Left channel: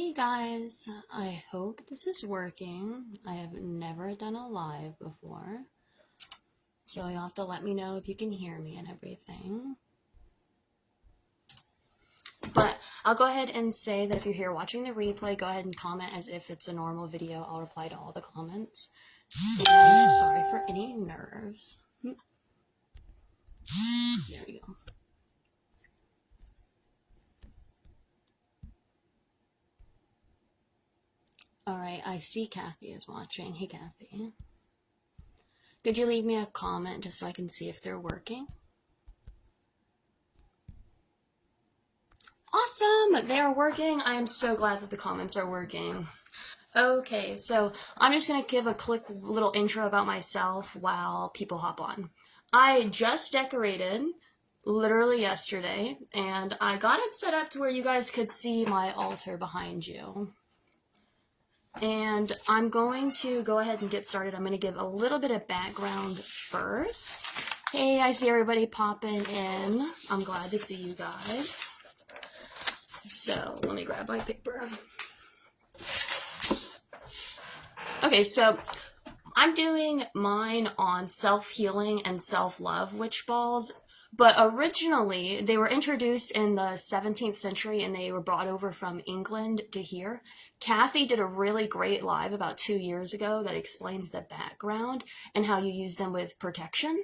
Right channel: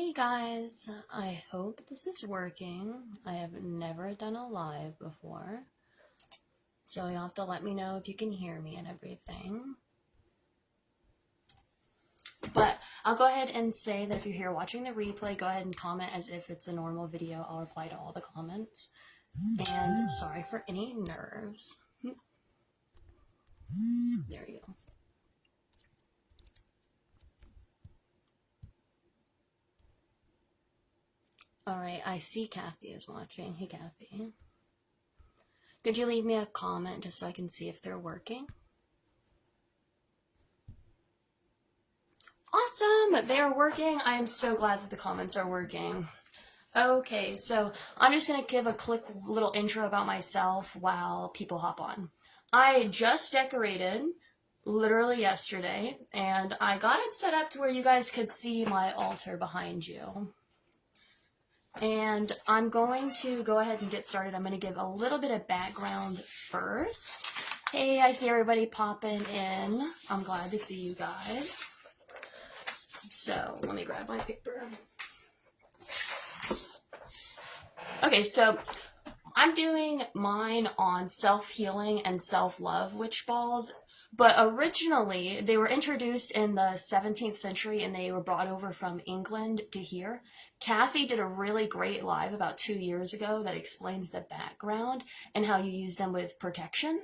Hey guys, I hope this is working. I have never done a live before, so you'll have to let me know if you can hear me and everything. But I'll go ahead and say that if you're here watching the replay, go ahead and comment as if it's a normal video. I'll reply to all the comments. And sorry for any nerves. There we go. Alright, I see Kathy is watching. Hey Kathy. Could you leave me a comment just so I can see if they're working? Awesome! They are working. I am so glad that the comments are working. Okay, so I'm just going to give a quick little intro about myself while people hop on. I just decorated literally yesterday, and I got it set up to where you guys could see my altar behind you. And I'm going to go ahead and get started. I'm going to give a little bit of background first. Hey, I see everybody popping in. I'm glad to see you guys. So, let me grab my paper. Okay, so I'm doing mine on self-healing and self-love witch balls, but originally they were introduced in the 17th century and they were brought over from England to here. Kathy did a really great live about 2 years ago that explains the background and how you use them with protection,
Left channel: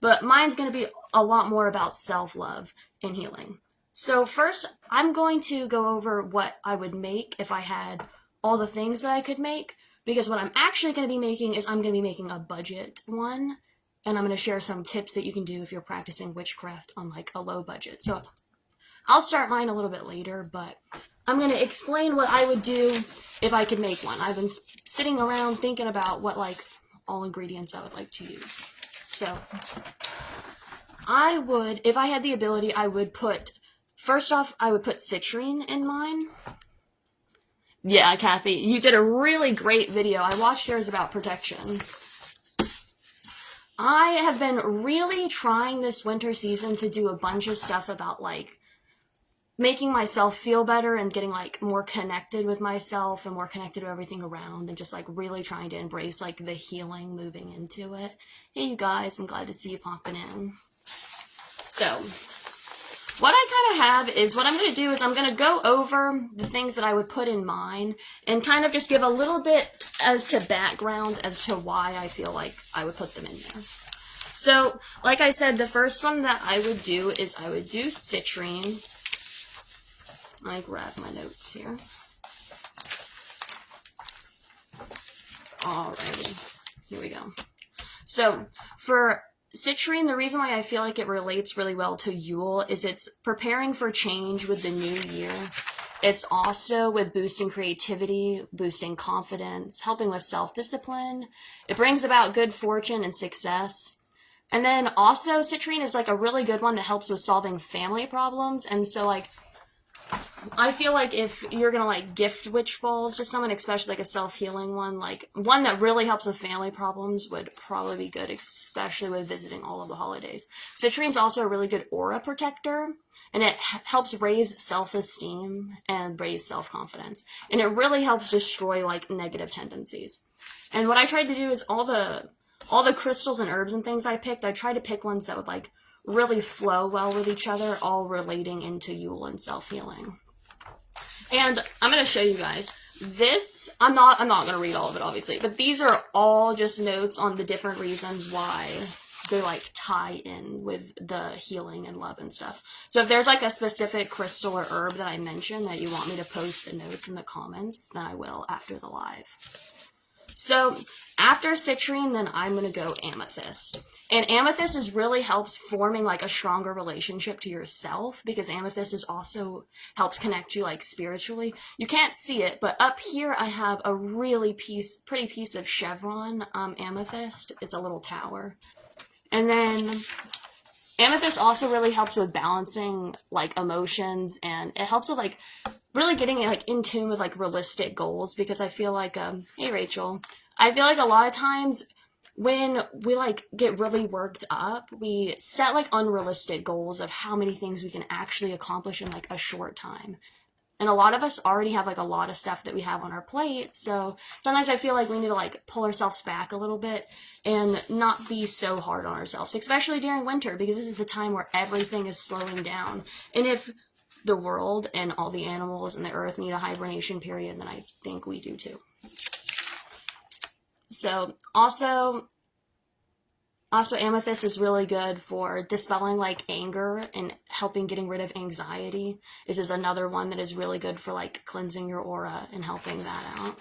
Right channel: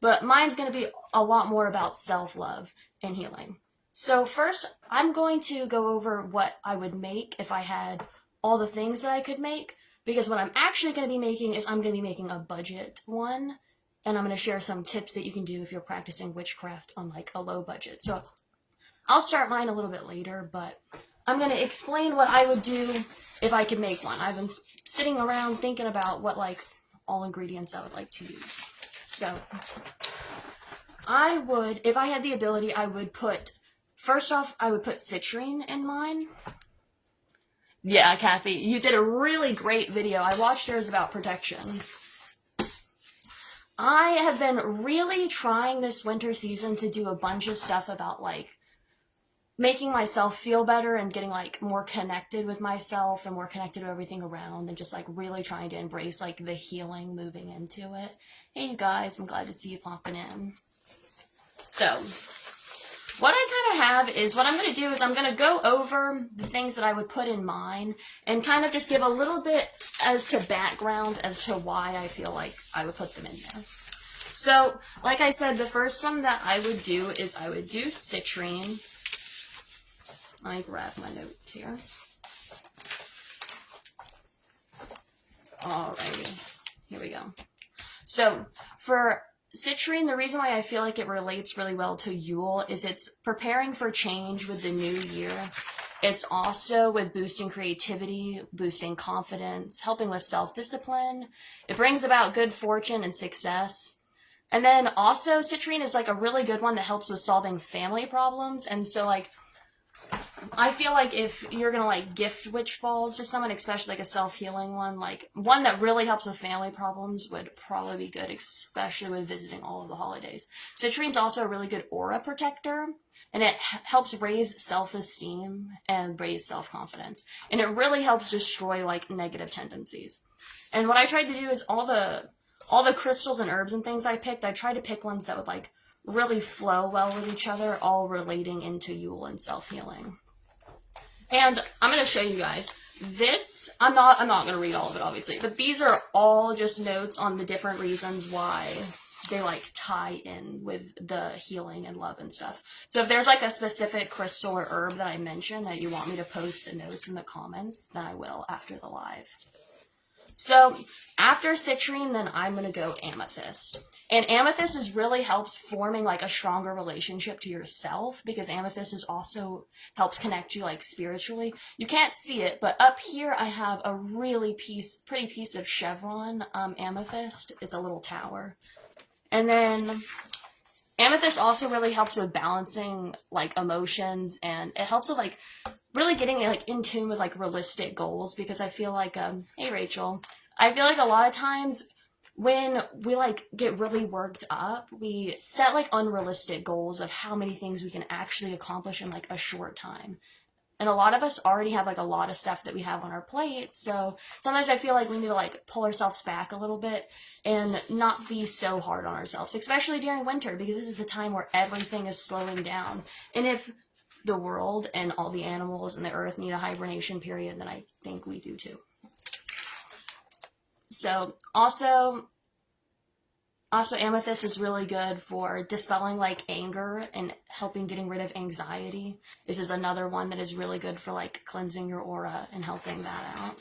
but mine's going to be a lot more about self-love and healing. So first, I'm going to go over what I would make if I had all the things that I could make, because what I'm actually going to be making is I'm going to be making a budget one, and I'm going to share some tips that you can do if you're practicing witchcraft on like a low budget. So I'll start mine a little bit later, but I'm going to explain what I would do if I could make one. I've been sitting around thinking about what like all ingredients I would like to use. So I would, if I had the ability, I would put, first off, I would put citrine in mine. Yeah, Kathy, you did a really great video. I watched yours about protection. I have been really trying this winter season to do a bunch of stuff about like making myself feel better and getting like more connected with myself and more connected with everything around, and just like really trying to embrace like the healing moving into it. Hey you guys, I'm glad to see you popping in. So what I kind of have is, what I'm going to do is I'm going to go over the things that I would put in mine and kind of just give a little bit as to background as to why I feel like I would put them in there. So, like I said, the first one that I would do is I would do citrine. Let me grab my notes here. Alrighty, here we go. So, for citrine, the reason why I feel like it relates really well to Yule is it's preparing for change with the new year. It's also with boosting creativity, boosting confidence, helping with self-discipline. It brings about good fortune and success. And then also citrine is like a really good one that helps with solving family problems. And so like, I feel like if you're going to like gift witch balls to someone, especially like a self-healing one, like one that really helps with family problems would probably be good, especially with visiting all of the holidays. Citrine's also a really good aura protector, and it helps raise self-esteem and raise self-confidence. And it really helps destroy like negative tendencies. And what I tried to do is all the crystals and herbs and things I picked, I tried to pick ones that would like really flow well with each other, all relating into Yule and self-healing. And I'm going to show you guys this. I'm not going to read all of it, obviously, but these are all just notes on the different reasons why they like tie in with the healing and love and stuff. So if there's like a specific crystal or herb that I mention that you want me to post the notes in the comments, then I will after the live. So after citrine, then I'm going to go amethyst. And amethyst really helps forming like a stronger relationship to yourself, because amethyst is also helps connect you like spiritually. You can't see it, but up here I have a really pretty piece of chevron amethyst. It's a little tower. And then amethyst also really helps with balancing like emotions, and it helps with like really getting like in tune with like realistic goals, because I feel like hey Rachel, I feel like a lot of times when we like get really worked up, we set like unrealistic goals of how many things we can actually accomplish in like a short time. And a lot of us already have like a lot of stuff that we have on our plate. So sometimes I feel like we need to like pull ourselves back a little bit and not be so hard on ourselves, especially during winter, because this is the time where everything is slowing down. And if the world and all the animals and the earth need a hibernation period, then I think we do too. So also amethyst is really good for dispelling like anger and helping getting rid of anxiety. This is another one that is really good for like cleansing your aura and helping that out.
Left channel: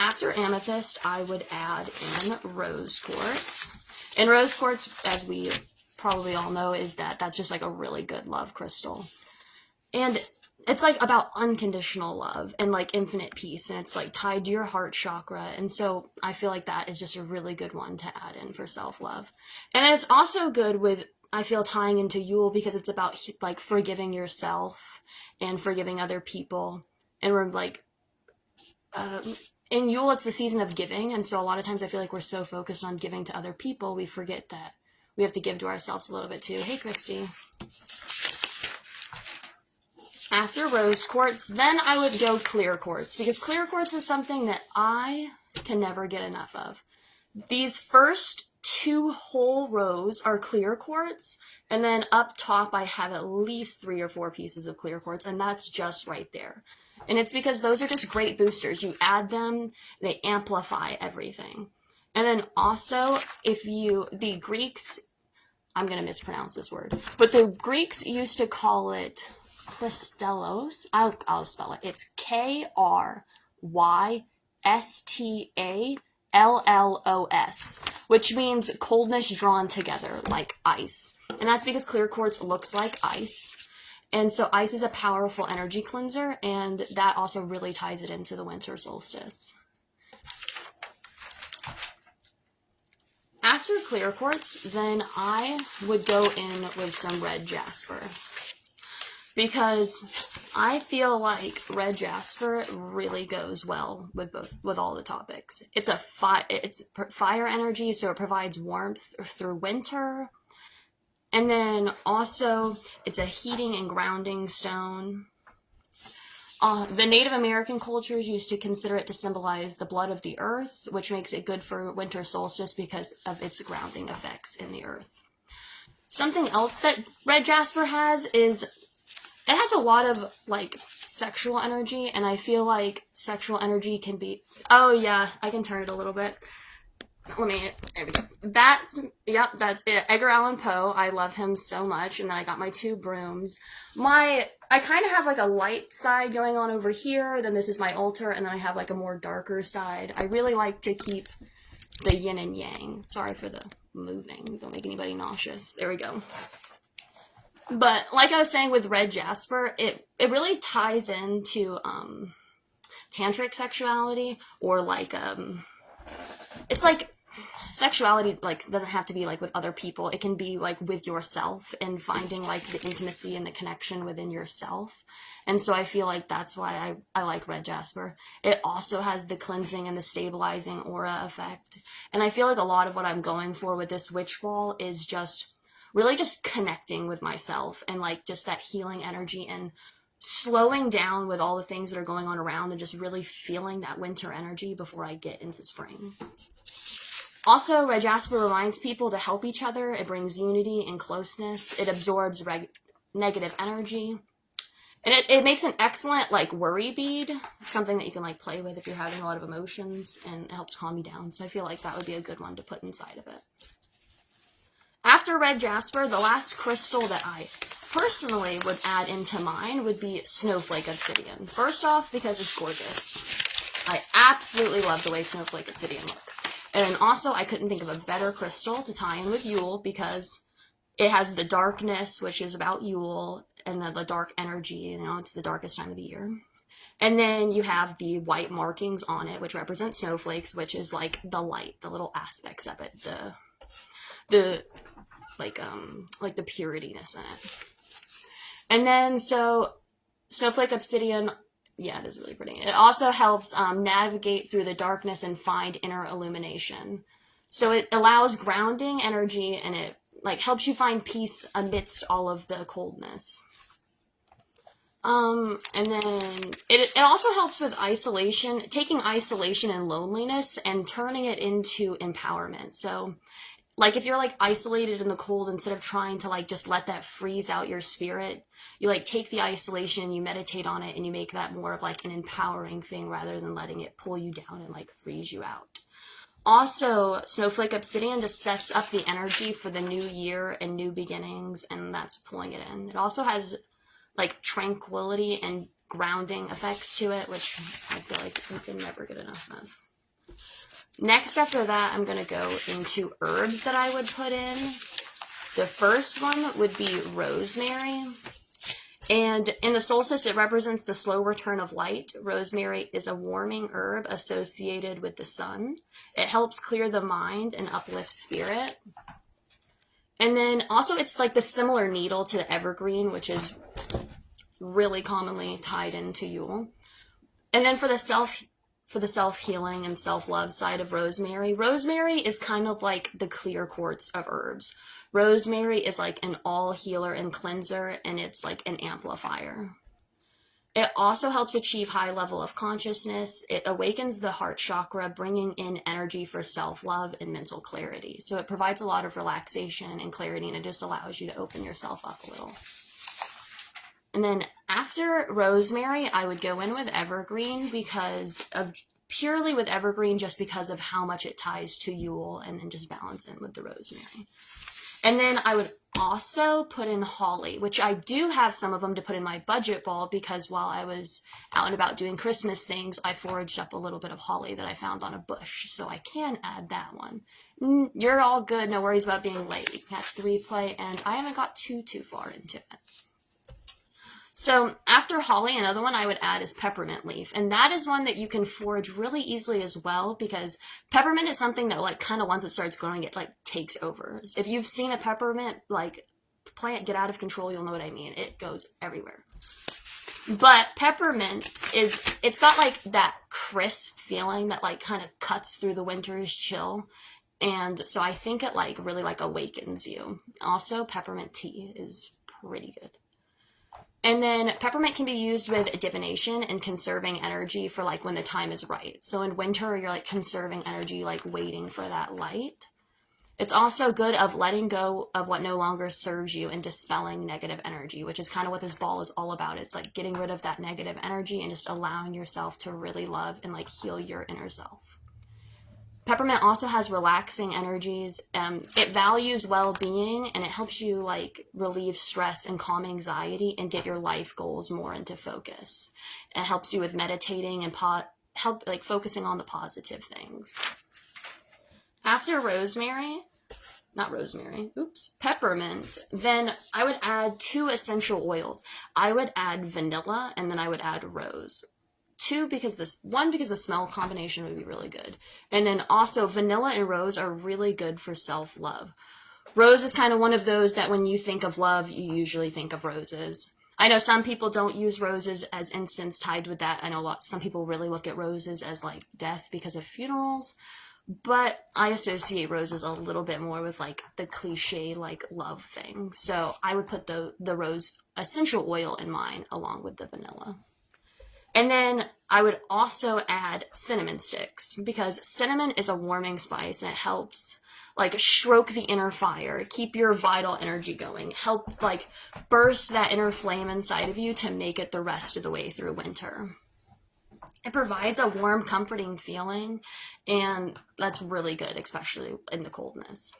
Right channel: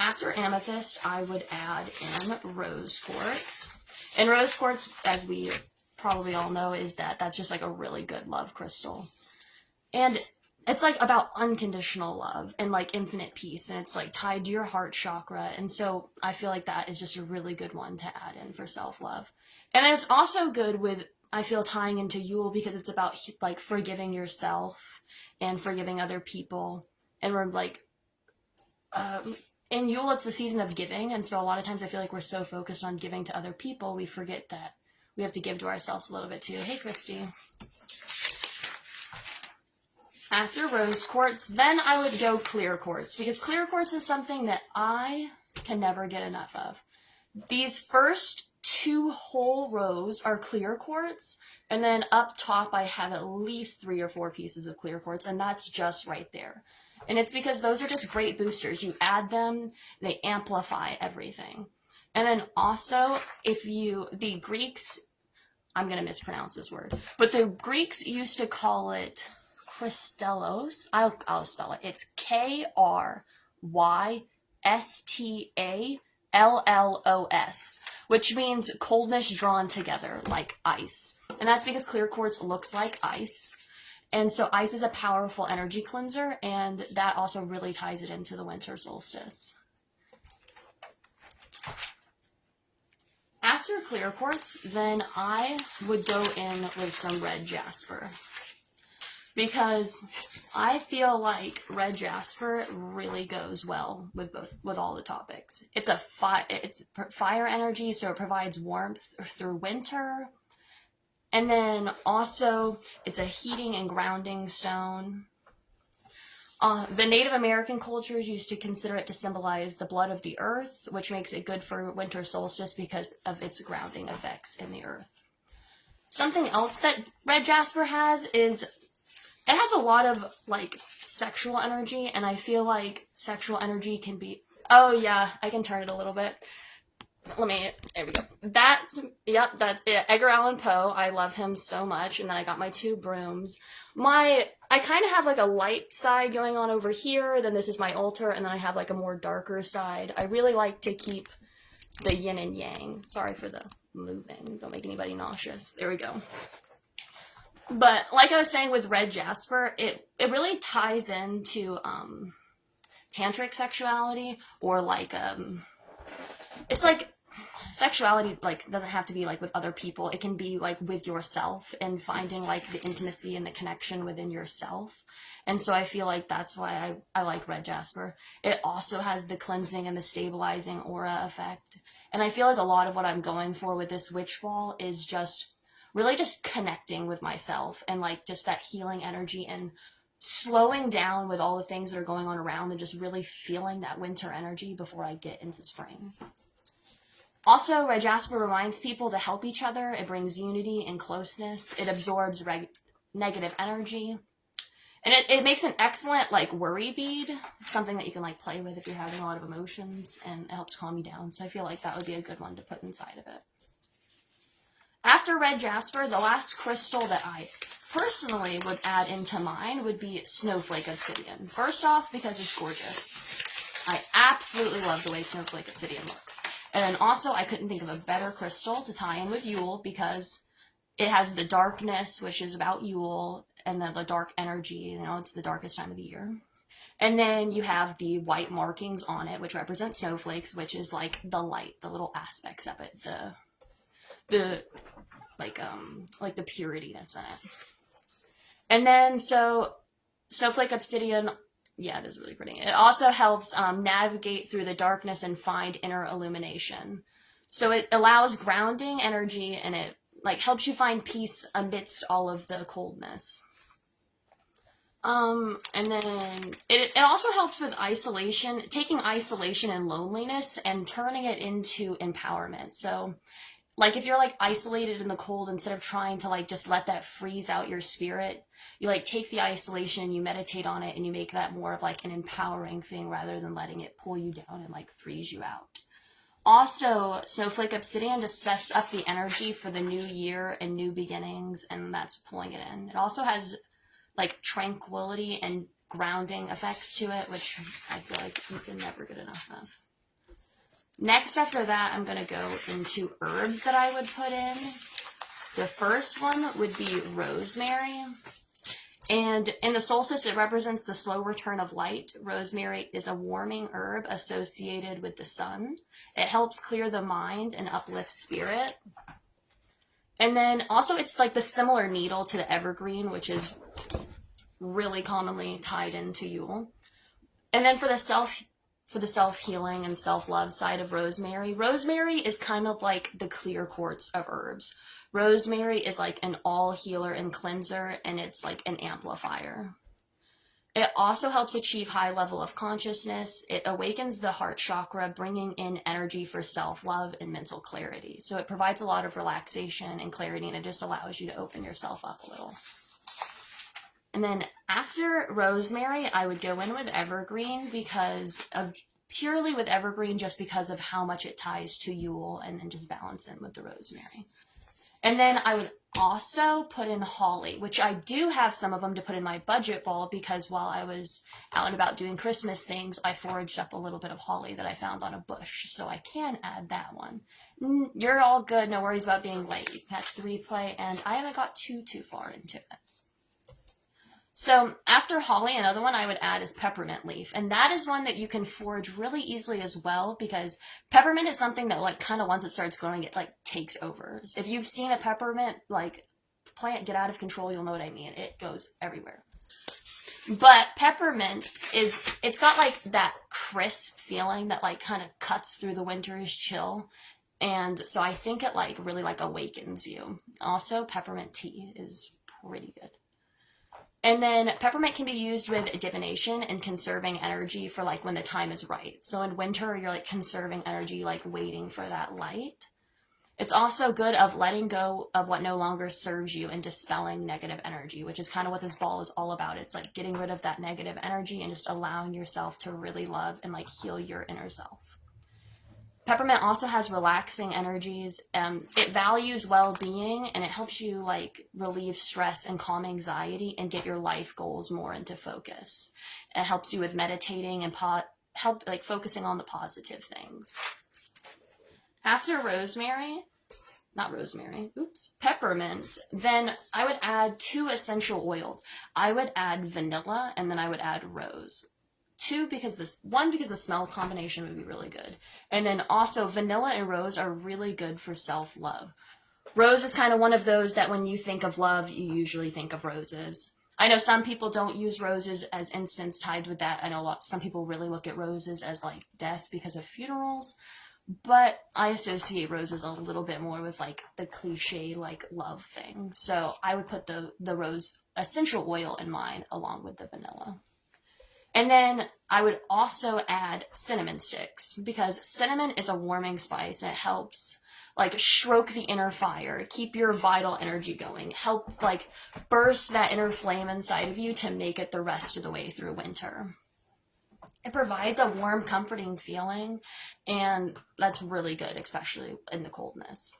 After amethyst, I would add in rose quartz. And rose quartz, as we probably all know, is that's just like a really good love crystal. And it's like about unconditional love and like infinite peace, and it's like tied to your heart chakra. And so I feel like that is just a really good one to add in for self-love. And then it's also good with, I feel, tying into Yule, because it's about like forgiving yourself and forgiving other people. And we're like, in Yule, it's the season of giving. And so a lot of times I feel like we're so focused on giving to other people, we forget that we have to give to ourselves a little bit too. Hey, Christy. After rose quartz, then I would go clear quartz, because clear quartz is something that I can never get enough of. These first 2 whole rows are clear quartz, and then up top I have at least 3 or 4 pieces of clear quartz, and that's just right there. And it's because those are just great boosters. You add them, they amplify everything. And then also, the Greeks, I'm going to mispronounce this word, but the Greeks used to call it Christelos. I'll spell it. It's Krystallos, which means coldness drawn together, like ice. And that's because clear quartz looks like ice. And so ice is a powerful energy cleanser, and that also really ties it into the winter solstice. After clear quartz, then I would go in with some red jasper, because I feel like red jasper really goes well with all the topics. It's fire energy, so it provides warmth through winter. And then also, it's a heating and grounding stone. The Native American cultures used to consider it to symbolize the blood of the earth, which makes it good for winter solstice because of its grounding effects in the earth. Something else that red jasper has is, it has a lot of like sexual energy, and I feel like sexual energy can be, oh yeah, I can turn it a little bit. There we go. That's it. Edgar Allan Poe. I love him so much. And then I got my 2 brooms. I kind of have like a light side going on over here. Then this is my altar. And then I have like a more darker side. I really like to keep the yin and yang. Sorry for the moving. Don't make anybody nauseous. There we go. But like I was saying with red jasper, it really ties into tantric sexuality, or like it's like sexuality like doesn't have to be like with other people. It can be like with yourself, and finding like the intimacy and the connection within yourself. And so I feel like that's why I like red jasper. It also has the cleansing and the stabilizing aura effect. And I feel like a lot of what I'm going for with this witch ball is just really just connecting with myself, and like just that healing energy, and slowing down with all the things that are going on around, and just really feeling that winter energy before I get into spring. Also, red jasper reminds people to help each other. It brings unity and closeness. It absorbs negative energy. And it makes an excellent, like, worry bead. Something that you can, like, play with if you're having a lot of emotions, and it helps calm you down. So I feel like that would be a good one to put inside of it. After red jasper, the last crystal that I personally would add into mine would be snowflake obsidian. First off, because it's gorgeous. I absolutely love the way snowflake obsidian looks. And then also, I couldn't think of a better crystal to tie in with Yule, because it has the darkness, which is about Yule, and then the dark energy, it's the darkest time of the year. And then you have the white markings on it, which represent snowflakes, which is like the light, the little aspects of it, the purityness in it. And then, so, snowflake obsidian, yeah, it is really pretty. It also helps navigate through the darkness and find inner illumination. So it allows grounding energy, and it like helps you find peace amidst all of the coldness. And then it also helps with isolation, taking isolation and loneliness and turning it into empowerment. So, like, if you're, like, isolated in the cold, instead of trying to, like, just let that freeze out your spirit, you, like, take the isolation, you meditate on it, and you make that more of, like, an empowering thing rather than letting it pull you down and, like, freeze you out. Also, Snowflake Obsidian just sets up the energy for the new year and new beginnings, and that's pulling it in. It also has, like, tranquility and grounding effects to it, which I feel like you can never get enough of. Next, after that, I'm going to go into herbs that I would put in. The first one would be rosemary. And in the solstice, it represents the slow return of light. Rosemary is a warming herb associated with the sun. It helps clear the mind and uplift spirit. And then also it's like the similar needle to the evergreen, which is really commonly tied into Yule. And then for the self-healing and self-love side of rosemary, rosemary is kind of like the clear quartz of herbs. Rosemary is like an all healer and cleanser, and it's like an amplifier. It also helps achieve high level of consciousness. It awakens the heart chakra, bringing in energy for self-love and mental clarity. So it provides a lot of relaxation and clarity, and it just allows you to open yourself up a little. And then after rosemary, I would go in with evergreen purely with evergreen, just because of how much it ties to Yule, and then just balance in with the rosemary. And then I would also put in holly, which I do have some of them to put in my budget ball, because while I was out and about doing Christmas things, I foraged up a little bit of holly that I found on a bush, so I can add that one. You're all good, no worries about being late. Catch the replay, and I haven't got too far into it. So after holly, another one I would add is peppermint leaf. And that is one that you can forage really easily as well, because peppermint is something that, like, kind of once it starts growing, it, like, takes over. So if you've seen a peppermint, like, plant get out of control, you'll know what I mean. It goes everywhere. But peppermint it's got, like, that crisp feeling that, like, kind of cuts through the winter's chill. And so I think it, like, really, like, awakens you. Also, peppermint tea is pretty good. And then peppermint can be used with divination and conserving energy for, like, when the time is right. So in winter, you're, like, conserving energy, like, waiting for that light. It's also good of letting go of what no longer serves you and dispelling negative energy, which is kind of what this ball is all about. It's like getting rid of that negative energy and just allowing yourself to really love and, like, heal your inner self. Peppermint also has relaxing energies. It values well-being, and it helps you, like, relieve stress and calm anxiety and get your life goals more into focus. It helps you with meditating and focusing on the positive things. After peppermint, then I would add 2 essential oils. I would add vanilla, and then I would add rose. 2, because the smell combination would be really good. And then also vanilla and rose are really good for self-love. Rose is kind of one of those that when you think of love, you usually think of roses. I know some people don't use roses as instants tied with that. I know some people really look at roses as, like, death because of funerals. But I associate roses a little bit more with, like, the cliche, like, love thing. So I would put the rose essential oil in mine along with the vanilla. And then I would also add cinnamon sticks, because cinnamon is a warming spice, and it helps, like, stroke the inner fire, keep your vital energy going, help, like, burst that inner flame inside of you to make it the rest of the way through winter. It provides a warm, comforting feeling, and that's really good, especially in the coldness.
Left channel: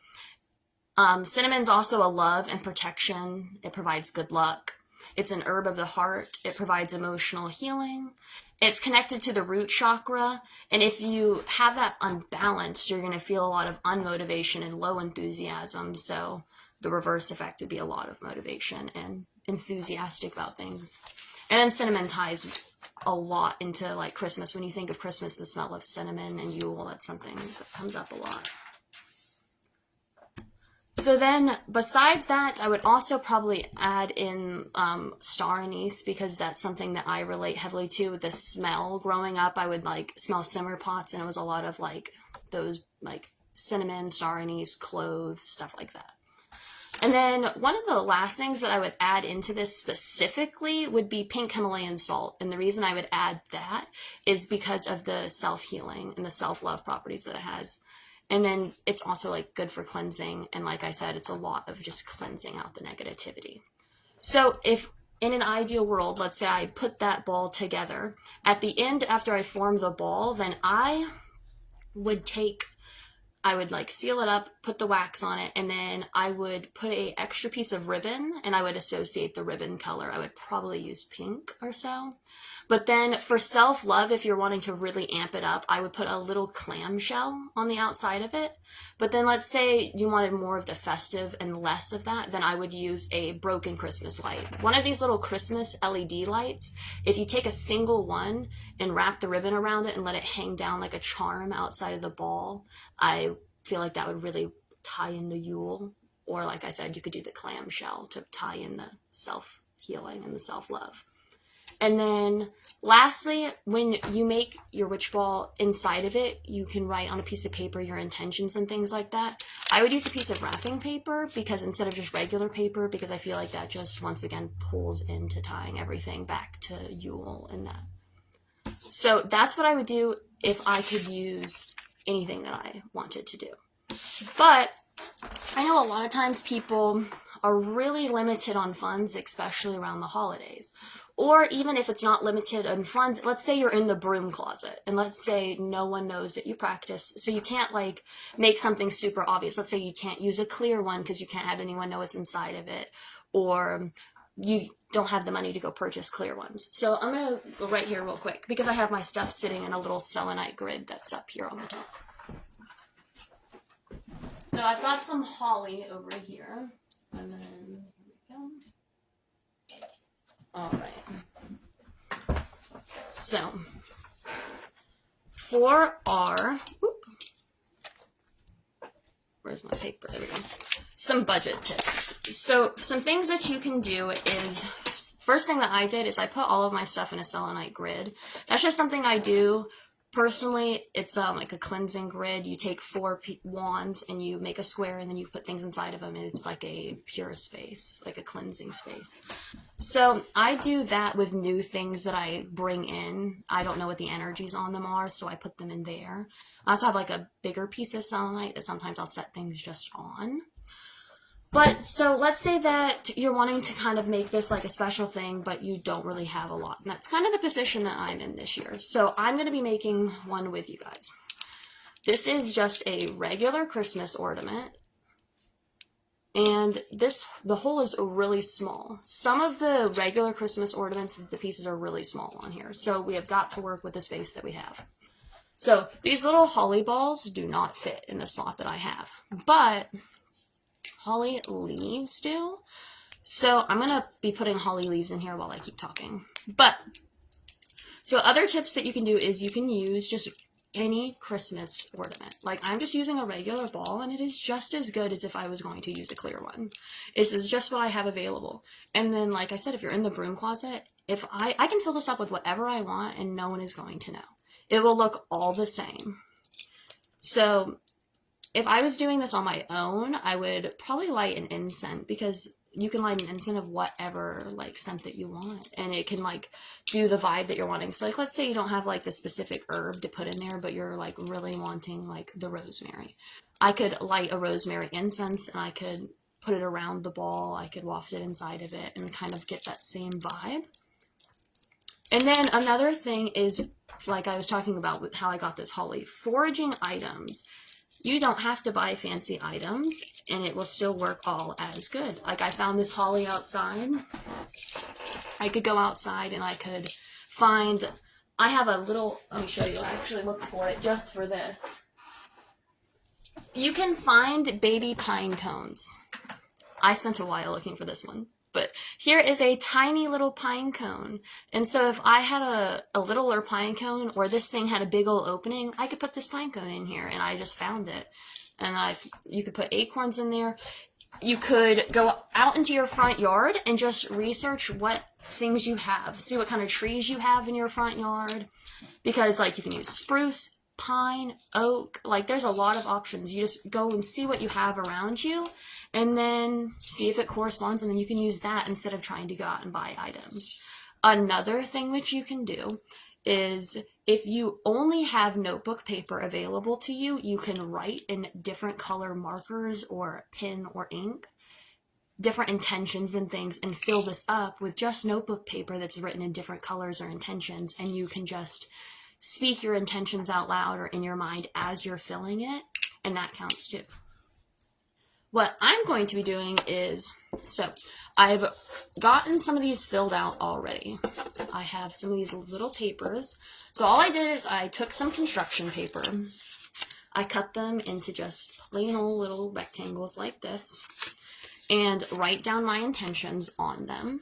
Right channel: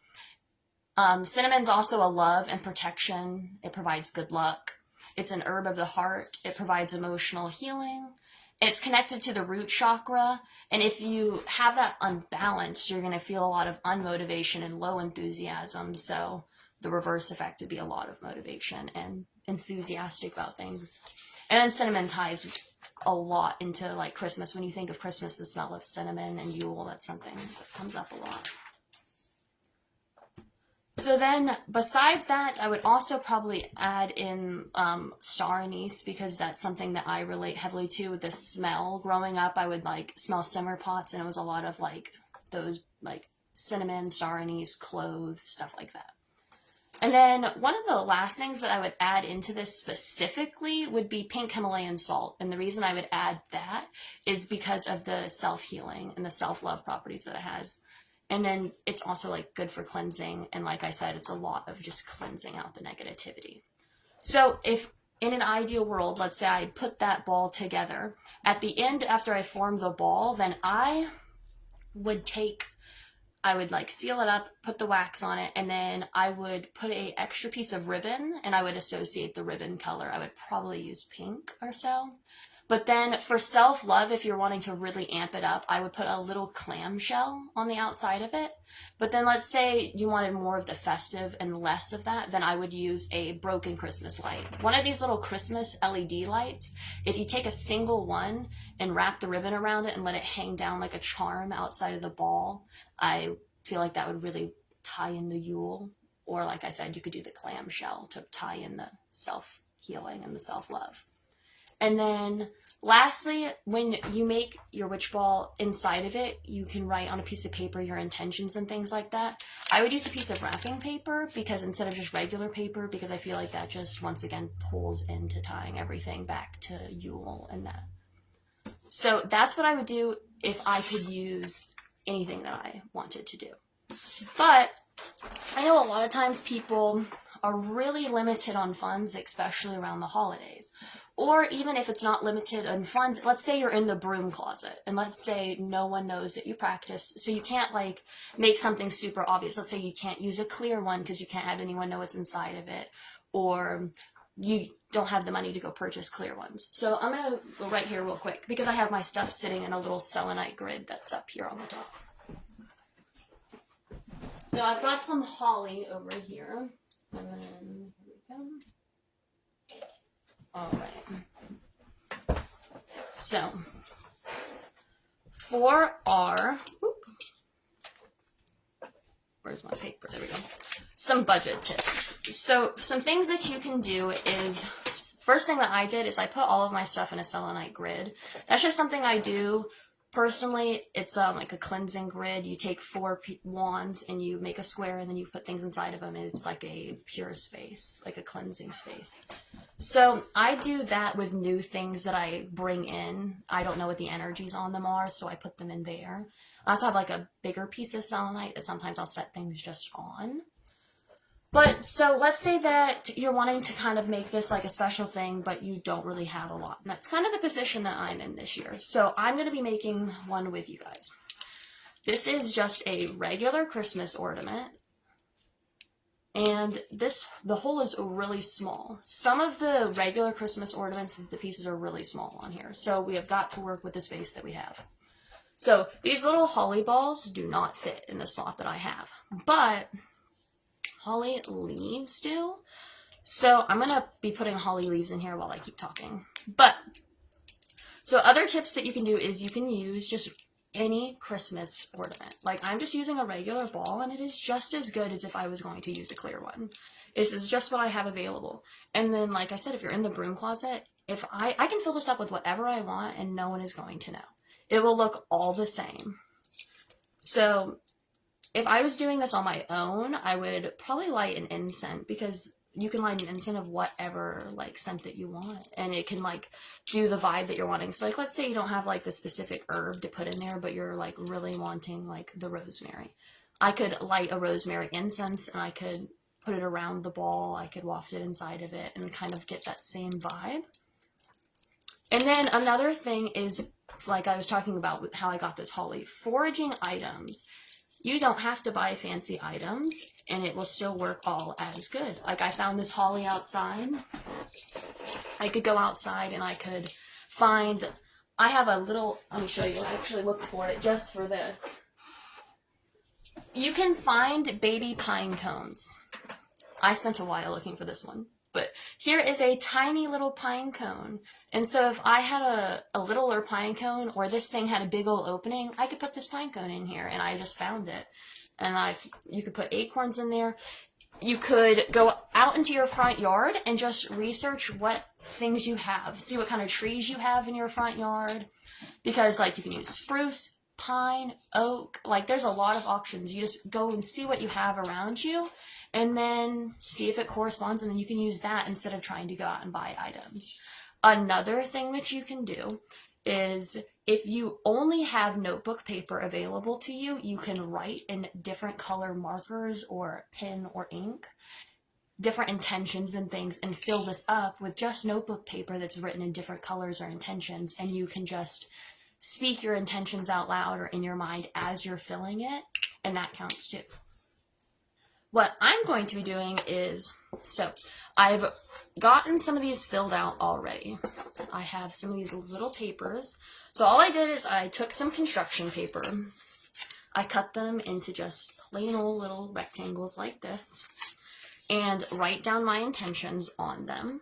Cinnamon's also a love and protection. It provides good luck. It's an herb of the heart. It provides emotional healing. It's connected to the root chakra. And if you have that unbalanced, you're going to feel a lot of unmotivation and low enthusiasm. So the reverse effect would be a lot of motivation and enthusiastic about things. And then cinnamon ties a lot into, like, Christmas. When you think of Christmas, the smell of cinnamon and Yule, that's something that comes up a lot. So then, besides that, I would also probably add in star anise, because that's something that I relate heavily to with the smell. Growing up, I would, like, smell simmer pots, and it was a lot of, like, those, like, cinnamon, star anise, clove, stuff like that. And then one of the last things that I would add into this specifically would be pink Himalayan salt. And the reason I would add that is because of the self-healing and the self-love properties that it has. And then it's also like good for cleansing. And like I said, it's a lot of just cleansing out the negativity. So if in an ideal world, let's say I put that ball together, at the end after I form the ball, then I would like seal it up, put the wax on it, and then I would put a extra piece of ribbon and I would associate the ribbon color. I would probably use pink or so. But then for self-love, if you're wanting to really amp it up, I would put a little clamshell on the outside of it. But then let's say you wanted more of the festive and less of that, then I would use a broken Christmas light. One of these little Christmas LED lights, if you take a single one and wrap the ribbon around it and let it hang down like a charm outside of the ball, I feel like that would really tie in the Yule. Or like I said, you could do the clamshell to tie in the self-healing and the self-love. And then lastly, when you make your witch ball, inside of it, you can write on a piece of paper your intentions and things like that. I would use a piece of wrapping paper because instead of just regular paper, because I feel like that just once again pulls into tying everything back to Yule and that. So that's what I would do if I could use anything that I wanted to do. But I know a lot of times people are really limited on funds, especially around the holidays. Or even if it's not limited on funds, let's say you're in the broom closet, and let's say no one knows that you practice, so you can't like make something super obvious. Let's say you can't use a clear one because you can't have anyone know what's inside of it, or you don't have the money to go purchase clear ones. So I'm going to go right here real quick because I have my stuff sitting in a little selenite grid that's up here on the top. So I've got some holly over here, and then here we go. All right. So for our, where's my paper? There we go. Some budget tips. So some things that you can do is, first thing that I did is I put all of my stuff in a selenite grid. That's just something I do. Personally, it's like a cleansing grid. You take 4 wands and you make a square and then you put things inside of them and it's like a pure space, like a cleansing space. So I do that with new things that I bring in. I don't know what the energies on them are, so I put them in there. I also have like a bigger piece of selenite that sometimes I'll set things just on. But so let's say that you're wanting to kind of make this like a special thing, but you don't really have a lot. And that's kind of the position that I'm in this year. So I'm going to be making one with you guys. This is just a regular Christmas ornament. And the hole is really small. Some of the regular Christmas ornaments, the pieces are really small on here. So we have got to work with the space that we have. So these little holly balls do not fit in the slot that I have. But holly leaves do. So I'm going to be putting holly leaves in here while I keep talking. But, so other tips that you can do is you can use just any Christmas ornament. Like I'm just using a regular ball and it is just as good as if I was going to use a clear one. This is just what I have available. And then like I said, if you're in the broom closet, if I can fill this up with whatever I want and no one is going to know. It will look all the same. So if I was doing this on my own, I would probably light an incense because you can light an incense of whatever like scent that you want, and it can like do the vibe that you're wanting. So like let's say you don't have like the specific herb to put in there, but you're like really wanting like the rosemary. I could light a rosemary incense and I could put it around the ball. I could waft it inside of it and kind of get that same vibe. And then another thing is, like I was talking about with how I got this holly, foraging items. You don't have to buy fancy items, and it will still work all as good. Like, I found this holly outside. I could go outside, and I could find... I have a little... Let me show you. I actually looked for it just for this. You can find baby pine cones. I spent a while looking for this one. But here is a tiny little pine cone. And so if I had a littler pine cone, or this thing had a big old opening, I could put this pine cone in here, and I just found it. And you could put acorns in there. You could go out into your front yard and just research what things you have. See what kind of trees you have in your front yard. Because like you can use spruce, pine, oak, like there's a lot of options. You just go and see what you have around you and then see if it corresponds, and then you can use that instead of trying to go out and buy items. Another thing that you can do is if you only have notebook paper available to you, you can write in different color markers or pen or ink, different intentions and things, and fill this up with just notebook paper that's written in different colors or intentions, and you can just speak your intentions out loud or in your mind as you're filling it, and that counts too. What I'm going to be doing is, so I've gotten some of these filled out already. I have some of these little papers. So all I did is I took some construction paper, I cut them into just plain old little rectangles like this, and write down my intentions on them.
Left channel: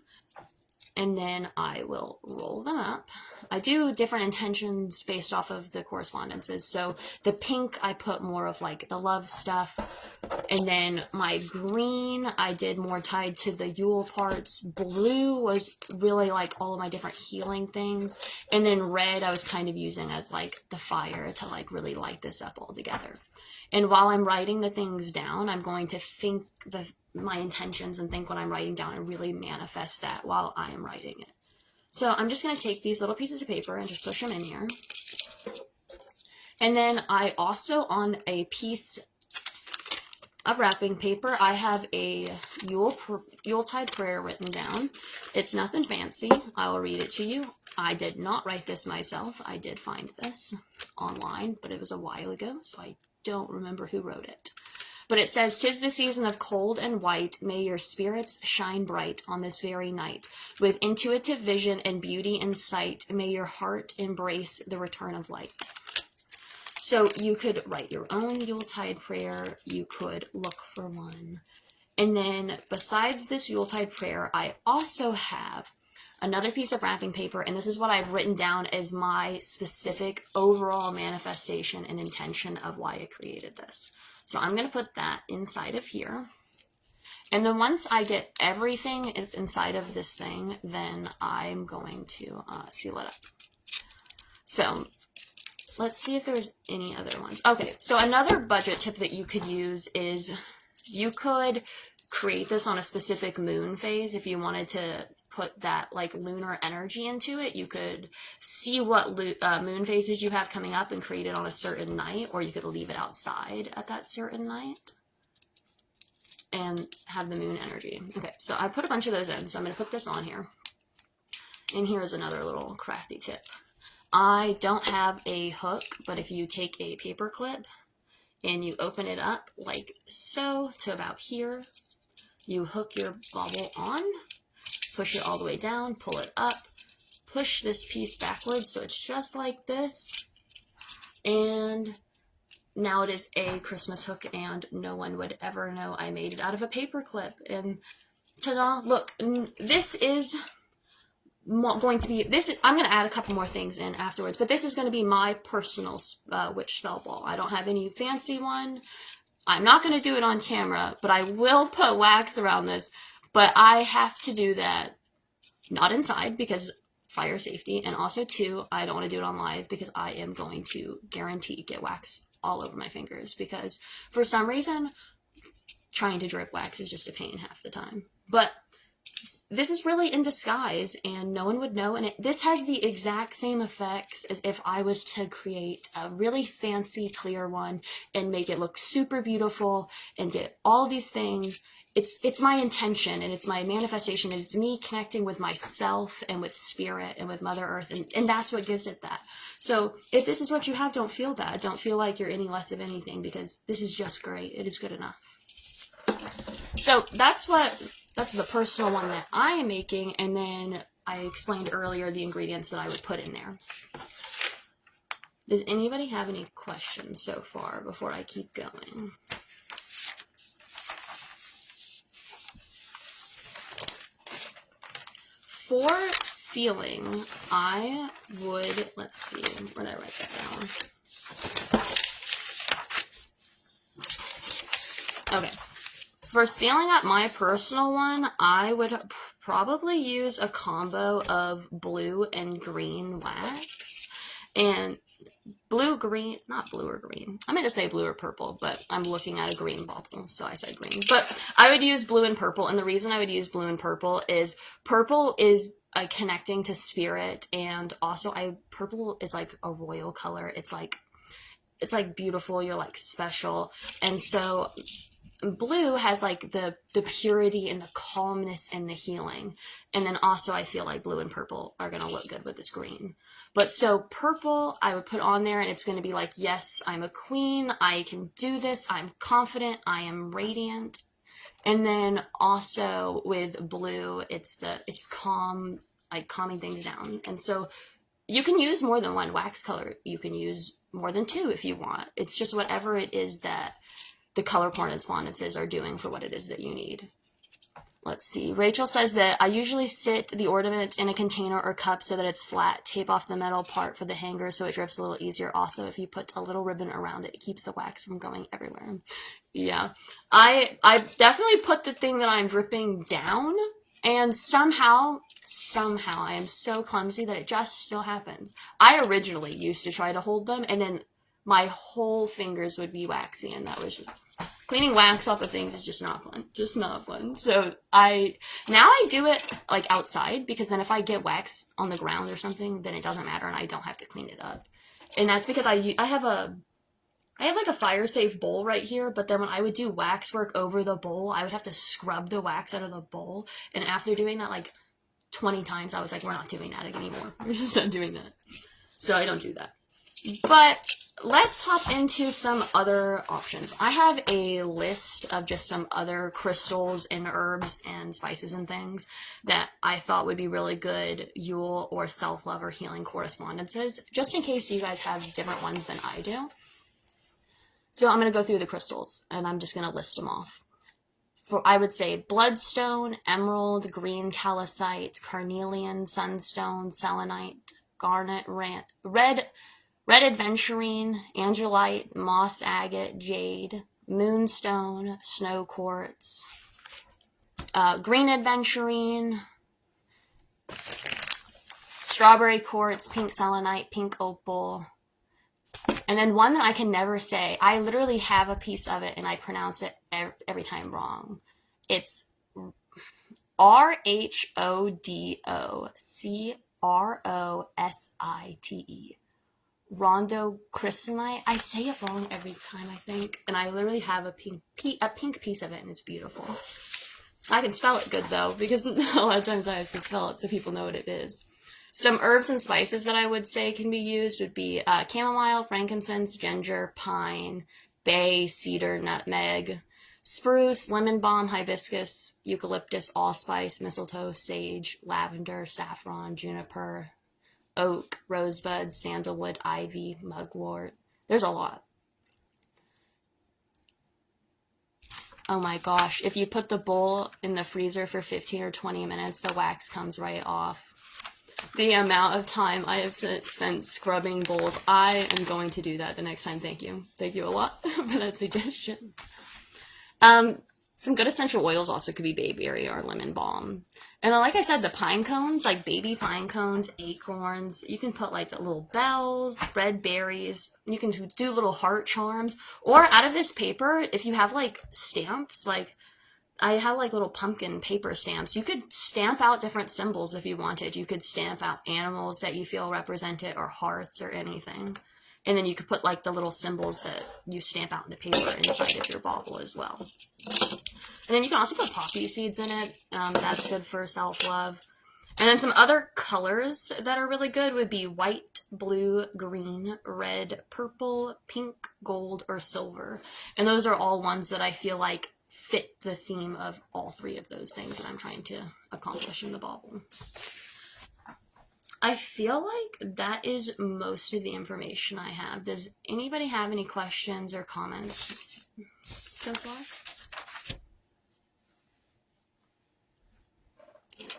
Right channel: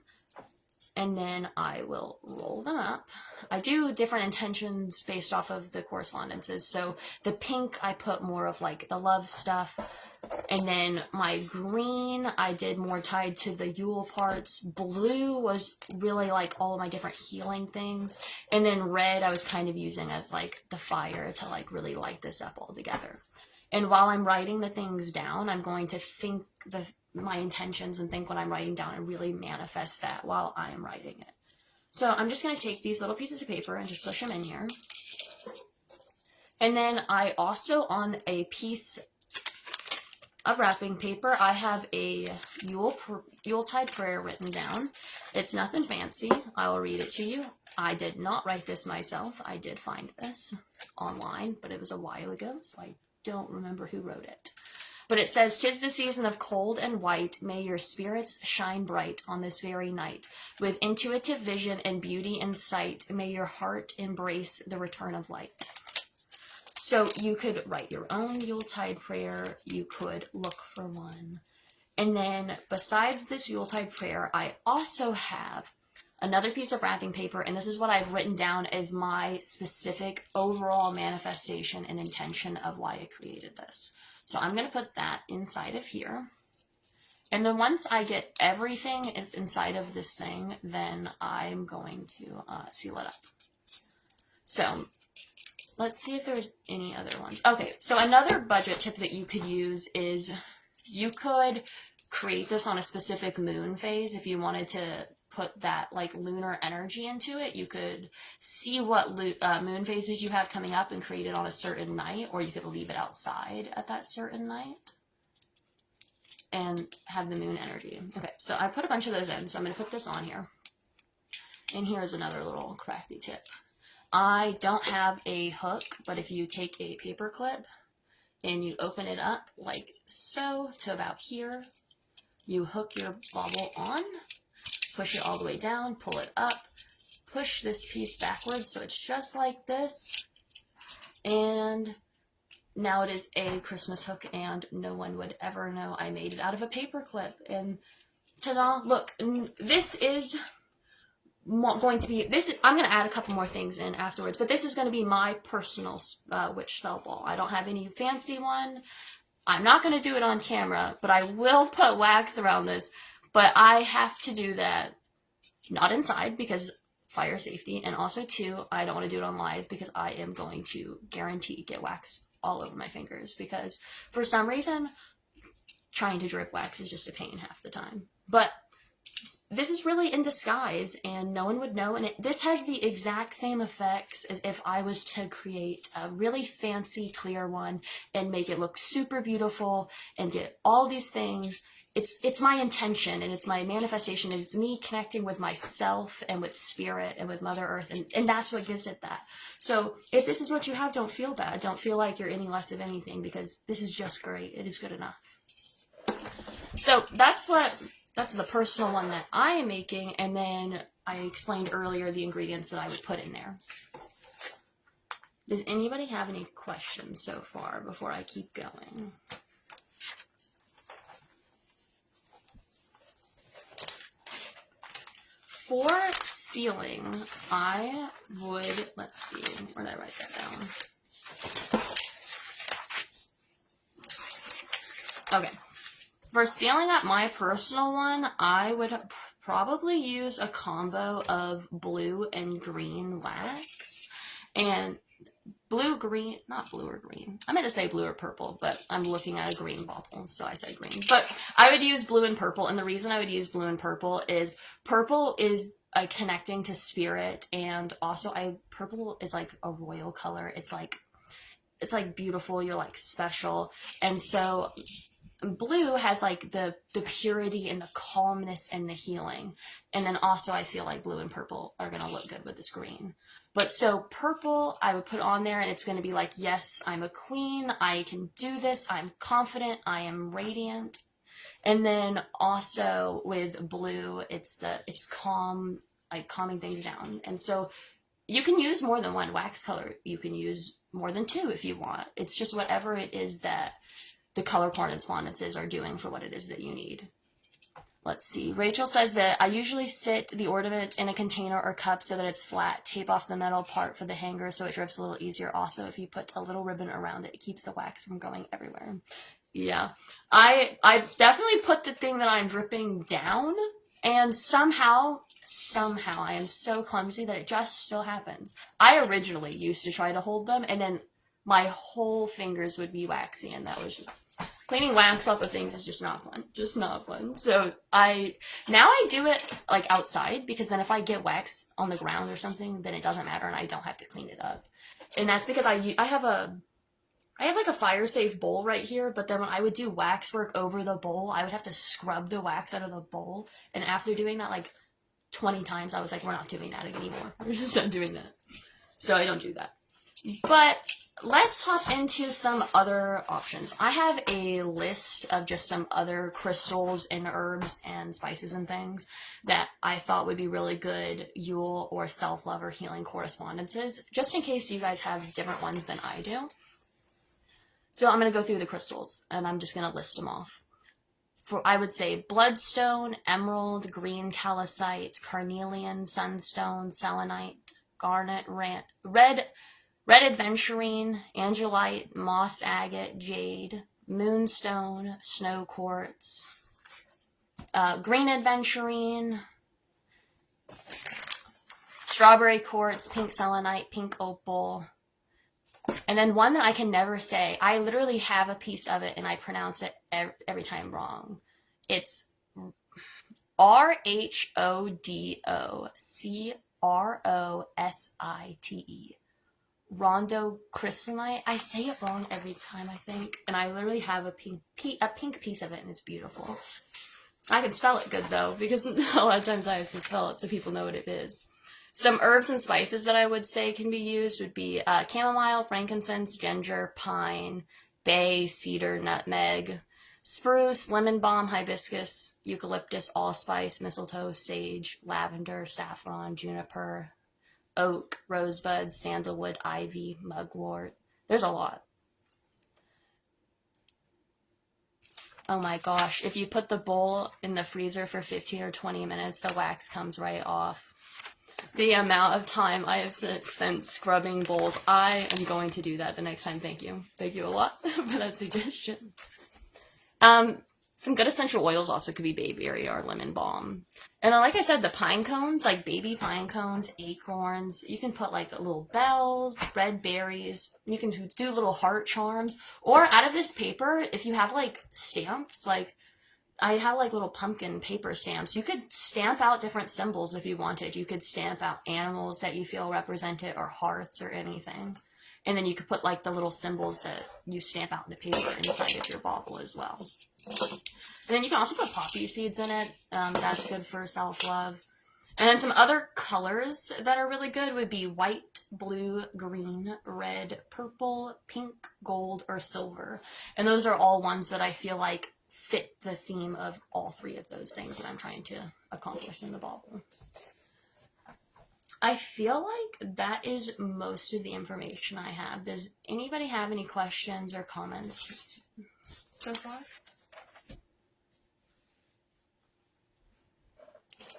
And then I will roll them up. I do different intentions based off of the correspondences. So the pink, I put more of like the love stuff. And then my green, I did more tied to the Yule parts. Blue was really like all of my different healing things. And then red, I was kind of using as like the fire to like really light this up all together. And while I'm writing the things down, I'm going to think my intentions and think what I'm writing down and really manifest that while I'm writing it. So I'm just going to take these little pieces of paper and just push them in here. And then I also, on a piece of wrapping paper, I have a Yuletide prayer written down. It's nothing fancy. I will read it to you. I did not write this myself. I did find this online, but it was a while ago, so I don't remember who wrote it. But it says, "'Tis the season of cold and white, may your spirits shine bright on this very night. With intuitive vision and beauty in sight, may your heart embrace the return of light." So you could write your own Yuletide prayer, you could look for one. And then besides this Yuletide prayer, I also have another piece of wrapping paper, and this is what I've written down as my specific overall manifestation and intention of why I created this. So I'm going to put that inside of here. And then once I get everything inside of this thing, then I'm going to seal it up. So let's see if there's any other ones. Okay, so another budget tip that you could use is you could create this on a specific moon phase if you wanted to put that like lunar energy into it. You could see what moon phases you have coming up and create it on a certain night, or you could leave it outside at that certain night and have the moon energy. Okay, so I put a bunch of those in, so I'm going to put this on here. And here's another little crafty tip. I don't have a hook, but if you take a paper clip and you open it up like so to about here, you hook your bauble on, push it all the way down, pull it up, push this piece backwards so it's just like this, and now it is a Christmas hook and no one would ever know I made it out of a paper clip. And ta-da, look, this is going to be, I'm going to add a couple more things in afterwards, but this is going to be my personal witch spell ball. I don't have any fancy one. I'm not going to do it on camera, but I will put wax around this. But I have to do that not inside because fire safety, and also too, I don't want to do it on live because I am going to guarantee get wax all over my fingers, because for some reason trying to drip wax is just a pain half the time. But this is really in disguise and no one would know, and this has the exact same effects as if I was to create a really fancy clear one and make it look super beautiful and get all these things. It's my intention and it's my manifestation, and it's me connecting with myself and with spirit and with Mother Earth, and that's what gives it that. So if this is what you have, don't feel bad. Don't feel like you're any less of anything, because this is just great. It is good enough. So that's the personal one that I am making, and then I explained earlier the ingredients that I would put in there. Does anybody have any questions so far before I keep going? For sealing, I would, let's see, where did I write that down? Okay. For sealing up my personal one, I would probably use a combo of blue and green wax. And blue-green, not blue or green. I meant to say blue or purple, but I'm looking at a green bauble, so I said green. But I would use blue and purple, and the reason I would use blue and purple is connecting to spirit, and also purple is like a royal color. It's like beautiful, you're like special. And so blue has like the purity and the calmness and the healing. And then also I feel like blue and purple are going to look good with this green. But so purple I would put on there, and it's going to be like, yes, I'm a queen. I can do this. I'm confident. I am radiant. And then also with blue, it's calm, like calming things down. And so you can use more than one wax color. You can use more than two if you want. It's just whatever it is that the color correspondences are doing for what it is that you need. Let's see. Rachel says that I usually sit the ornament in a container or cup so that it's flat. Tape off the metal part for the hanger so it drips a little easier. Also, if you put a little ribbon around it, it keeps the wax from going everywhere. Yeah. I definitely put the thing that I'm dripping down, and somehow I am so clumsy that it just still happens. I originally used to try to hold them, and then my whole fingers would be waxy, and that was just... Cleaning wax off of things is just not fun. Just not fun. So now I do it like outside, because then if I get wax on the ground or something, then it doesn't matter and I don't have to clean it up. And that's because I have like a fire safe bowl right here, but then when I would do wax work over the bowl, I would have to scrub the wax out of the bowl. And after doing that like 20 times, I was like, we're not doing that anymore. We're just not doing that. So I don't do that. But let's hop into some other options. I have a list of just some other crystals and herbs and spices and things that I thought would be really good Yule or self-love or healing correspondences, just in case you guys have different ones than I do. So I'm going to go through the crystals, and I'm just going to list them off. I would say bloodstone, emerald, green calcite, carnelian, sunstone, selenite, garnet, red adventurine, angelite, moss agate, jade, moonstone, snow quartz, green adventurine, strawberry quartz, pink selenite, pink opal, and then one that I can never say. I literally have a piece of it and I pronounce it every time wrong. It's RHODOCROSITE. Rondo crystalline. I say it wrong every time, I think, and I literally have a pink piece of it, and it's beautiful. I can spell it good though, because a lot of times I have to spell it so people know what it is. Some herbs and spices that I would say can be used would be chamomile, frankincense, ginger, pine, bay, cedar, nutmeg, spruce, lemon balm, hibiscus, eucalyptus, allspice, mistletoe, sage, lavender, saffron, juniper, oak, rosebud, sandalwood, ivy, mugwort. There's a lot. Oh my gosh, if you put the bowl in the freezer for 15 or 20 minutes, the wax comes right off. The amount of time I have spent scrubbing bowls, I am going to do that the next time. Thank you. Thank you a lot for that suggestion. Some good essential oils also could be bayberry or lemon balm. And then, like I said, the pine cones, like baby pine cones, acorns. You can put like little bells, red berries. You can do little heart charms. Or out of this paper, if you have like stamps, like I have like little pumpkin paper stamps. You could stamp out different symbols if you wanted. You could stamp out animals that you feel represented, or hearts, or anything. And then you could put like the little symbols that you stamp out in the paper inside of your bauble as well. And then you can also put poppy seeds in it. That's good for self-love. And then some other colors that are really good would be white, blue, green, red, purple, pink, gold, or silver. And those are all ones that I feel like fit the theme of all three of those things that I'm trying to accomplish in the bauble. I feel like that is most of the information I have. Does anybody have any questions or comments so far?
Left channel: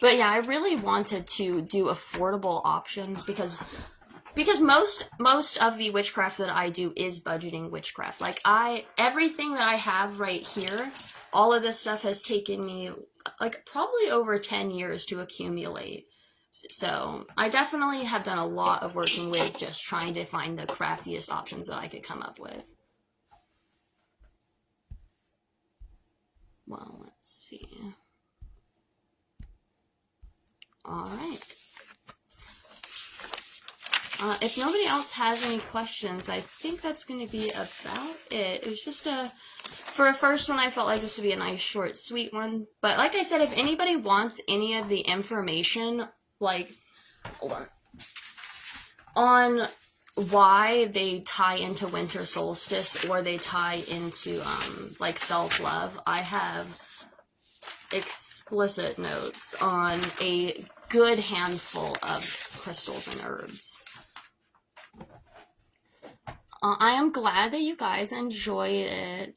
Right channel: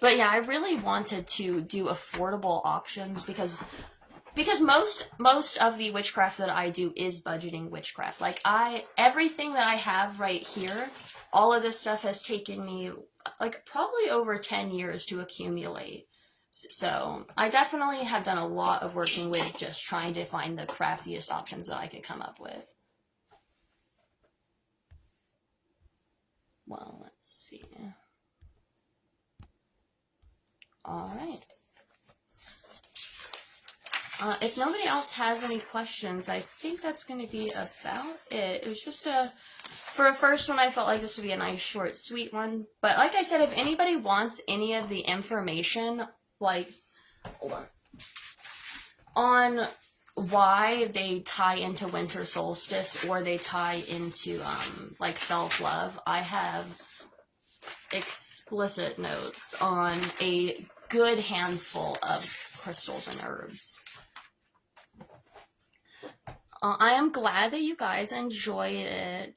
But yeah, I really wanted to do affordable options because most of the witchcraft that I do is budgeting witchcraft. Like everything that I have right here, all of this stuff has taken me like probably over 10 years to accumulate. So I definitely have done a lot of working with just trying to find the craftiest options that I could come up with. Well, let's see. All right. If nobody else has any questions, I think that's going to be about it. It was just for a first one, I felt like this would be a nice, short, sweet one. But like I said, if anybody wants any of the information, like, on why they tie into winter solstice or they tie into, like, self-love, I have explicit notes on a good handful of crystals and herbs. I am glad that you guys enjoyed it.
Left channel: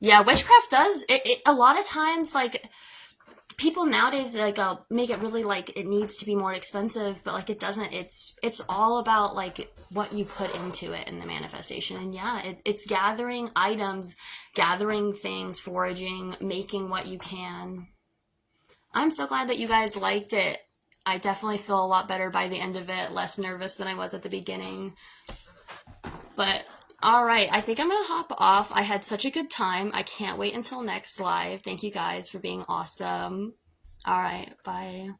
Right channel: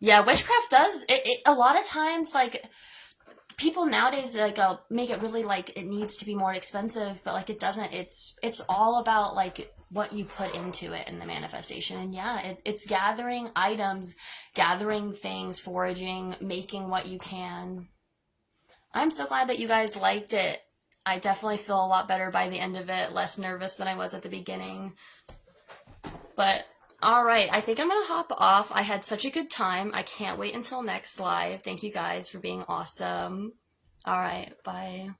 Yeah, witchcraft does, a lot of times, like, people nowadays, like, make it really, like, it needs to be more expensive, but, like, it doesn't. It's all about, like, what you put into it in the manifestation. And yeah, it's gathering items, gathering things, foraging, making what you can. I'm so glad that you guys liked it. I definitely feel a lot better by the end of it, less nervous than I was at the beginning. But, alright, I think I'm going to hop off. I had such a good time. I can't wait until next live. Thank you guys for being awesome. Alright, bye.